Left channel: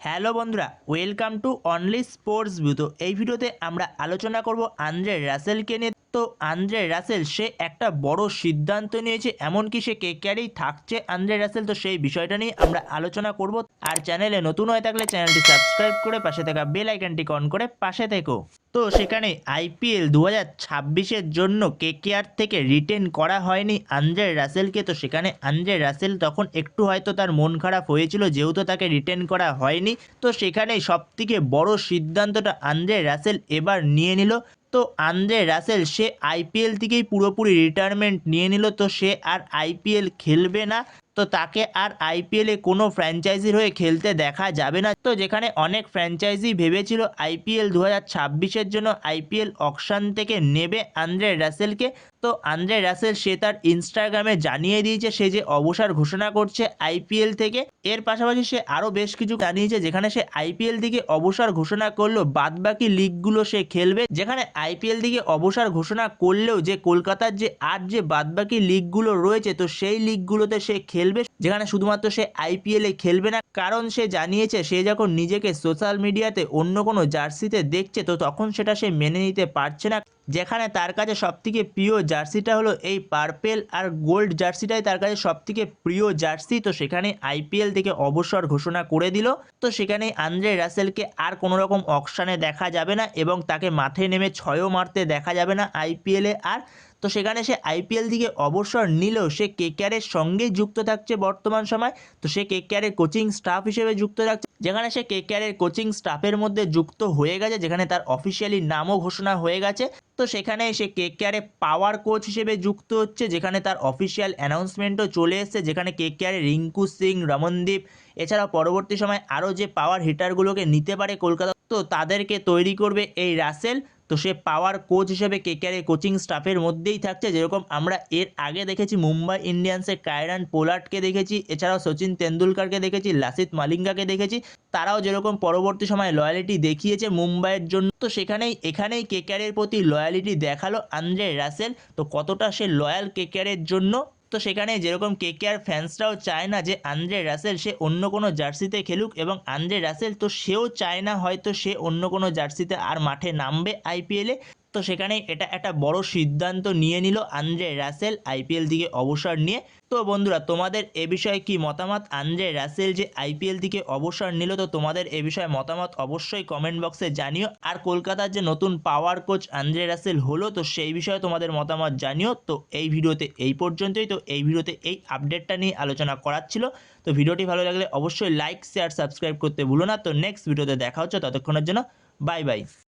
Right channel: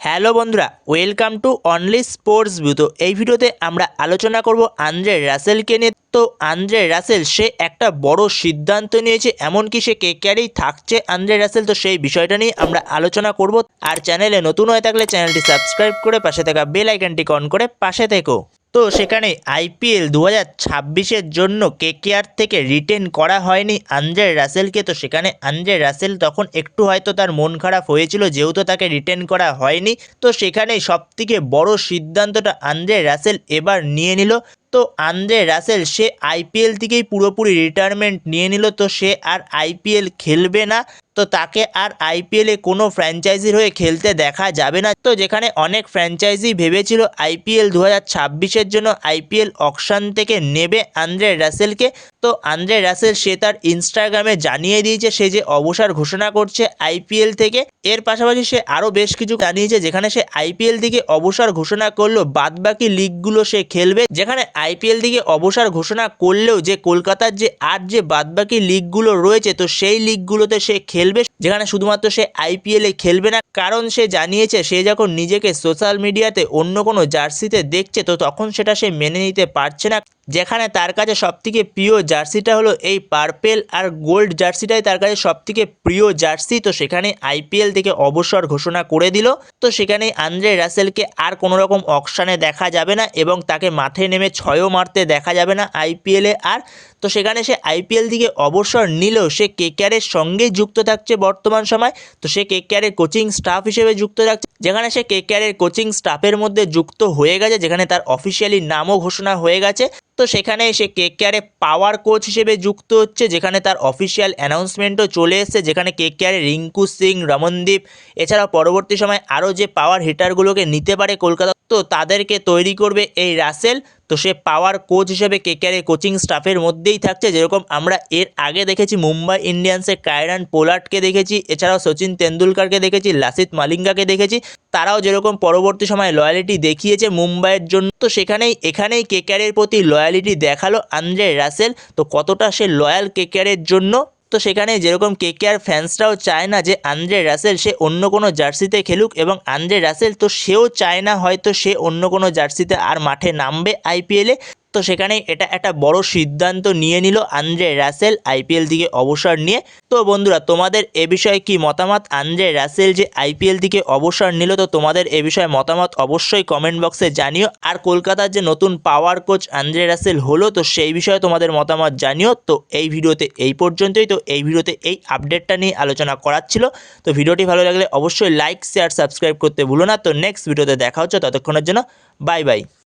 Hello বন্ধুরা, welcome to only sports view. এই ভিডিওতে আমরা আলোচনা করব আন্দ্রে রাসেলকে নিয়ে। তো আন্দ্রে রাসেল, সে একটা বড় সিদ্ধান্ত নিয়েছে, এমনকি সে কে ক্যারেই থাকছে আন্দ্রে রাসেল। তো সেই বিষয়টা নিয়ে আমরা আলোচনা করব। আর চ্যানেলে নতুন হয়ে থাকলে চ্যানেলটি সাবস্ক্রাইব করে পাশে থাকা বেল আইকনটি অন করে পাশে থেকো। তো সেখানে আইপিএল দু হাজার ছাব্বিশের জন্য কেকেআর থেকে রিটেন করা হয়নি আন্দ্রে রাসেলকে। তো সেখানে আন্দ্রে রাসেল তখন একটু হয়তো তার মন খারাপ হয়েছিল, যেহেতু তাকে রিটেন করা হয়নি। তো সেখানে সবথেকে বড় সিদ্ধান্তটা আন্দ্রে রাসেল এবার নিয়ে নিল। তো আন্দ্রে রাসেল সে আইপিএল থেকেই পুরোপুরি রিটায়ারমেন্ট নিয়ে নিল। তো সে আর আইপিএল খেলবে না। তো তাকে আর আইপিএলে কোনো ফ্র্যাঞ্চাইজির হয়ে খেলতে দেখা যাবে না। তো যেখানে অনেক ফ্র্যাঞ্চাইজি ভেবেছিল আইপিএল দু হাজার জন্য আইপিএল অকশান থেকে নেবে আন্দ্রে রাসেলকে। তো আন্দ্রে রাসেল সে তার ইনস্টাগ্রামে জানিয়ে দিয়েছে, সে যে অবসর ঘোষণা করছে আইপিএল থেকে। এর পাশাপাশি সে আরও বেশ কিছু জানিয়েছে, যেখানে সে আইপিএল থেকে অবসর ঘোষণা করল বাদবাকি লিগগুলো সে খেলবে। যেখানে আইপিএল থেকে অবসর ঘোষণা করলেও যে কলকাতার যে আর যে বাদবাকি লিগগুলো রয়েছে, তো সেই লিগগুলোতে সে খেলবে, যেখানে শুধুমাত্র সে আইপিএল এ খেলবে না, কারণ সে জানিয়েছে সে যখন নিজেকে সোশ্যাল মিডিয়াতে অন্য কোনো জার্সিতে দেখছে, তো তখন সেটা সে মেনে নিতে পারছে না। যেখানে তার কাছে সবথেকে প্রিয় জার্সিটা হলো এই পার্পেল আর গোল্ড জার্সিটাই তার কাছে সবথেকে প্রিয় জার্সি। তো সেখানে আইপিএল থেকে অবসর ঘোষণা করে দিল। তো সেখানে আন্দ্রে রাসেলকে আর কোনো রকম অকশানে দেখা যাবে না এবং তাকে মাঠে নেমে ছয়ও মারতে দেখা যাবে না আইপিএলে আর। তো সেখানে সে আইপিএল থেকে অবসর নিলেও সে কেকেআরের সঙ্গেই যুক্ত থাকছে বর্তমান সময়। তো সে কেকেআরের কোচিং স্টাফ হিসেবে যুক্ত থাকছে। যেখানে সে কেকেআরের কোচিং স্টাফের মধ্যে যুক্ত হয়ে গেছে, যেখানে তার অফিসিয়ালি নামও ঘোষণা হয়ে গেছে। তো সেখানে সে কেয়ারে পাওয়ার কোচ হিসেবে যুক্ত হচ্ছে, যেখানে তার অফিসিয়াল অ্যানাউন্সমেন্টও চলে এসছে, যেখানে কে কেয়ারে রিঙ্কু সিং, রমনদীপ, এছাড়াও পরবর্তী সময় আরও যে পাওয়ার হিটারগুলোকে নিতে পারে কলকাতা তো তাদেরকে তৈরি করবে এই রাসেল। তো সে পাওয়ার কোচ হিসেবে কেকেআরের কোচিং স্টাফের মধ্যেই থাকছে। যেরকম আমরা এর আগে দেখেছি মুম্বাই ইন্ডিয়ান্সের কায়রান পোলার্ডকে দেখেছি, এছাড়াও সচিন তেন্ডুলকারকে দেখেছি, লাসিত মালিঙ্গাকে দেখেছি। তারাও যেরকম পরবর্তী সময় লয়ালিটি দেখিয়েছে মুম্বাইয়ের জন্য। তো সেখানেই, এখানেই কেকেআরের প্রতি লয়ালিটি দেখাল আন্দ্রে রাসেল। তো কতটা সে লয়াল কেকেআরের জন্য? তো সেখানে যেরকম কে কে আর ফ্যান্সরাও চায় না যে আন্দ্রে রাসেল সে অন্য কোনো জার্সিতে খেলুক এবং আন্দ্রে রাসেল তো সেও চায় না হয়তো সে অন্য কোনো জার্সিতে আর মাঠে নামবে আইপিএলে। তো সেখানে এটা একটা বড় সিদ্ধান্ত নিয়ে নিল আন্দ্রে রাসেল আইপিএল থেকে অবসর নিয়ে। তো বন্ধুরা, তোমাদের এ বিষয়ে কি মতামত? আন্দ্রে রাসেল যে আইপিএল থেকে অবসর নিল, তো তোমাদের এ বিষয়ে মতামত অবশ্যই কমেন্ট বক্সে জানিও। আর কলকাতার যে নতুন পাওয়ার কোচ আন্দ্রে রাসেল হলো, তো সেই বিষয়ে তোমাদের মতামত জানিও। তো এই ভিডিওতে এই পর্যন্তই। তো এই ভিডিওতে এই আপডেটটা নিয়ে আলোচনা করার ছিল। তো ভিডিওটি ভালো লাগলে অবশ্যই লাইক শেয়ার সাবস্ক্রাইব করতে ভুলো না। তো নেক্সট ভিডিওতে দেখা হচ্ছে। ততক্ষণের জন্য বাই বাই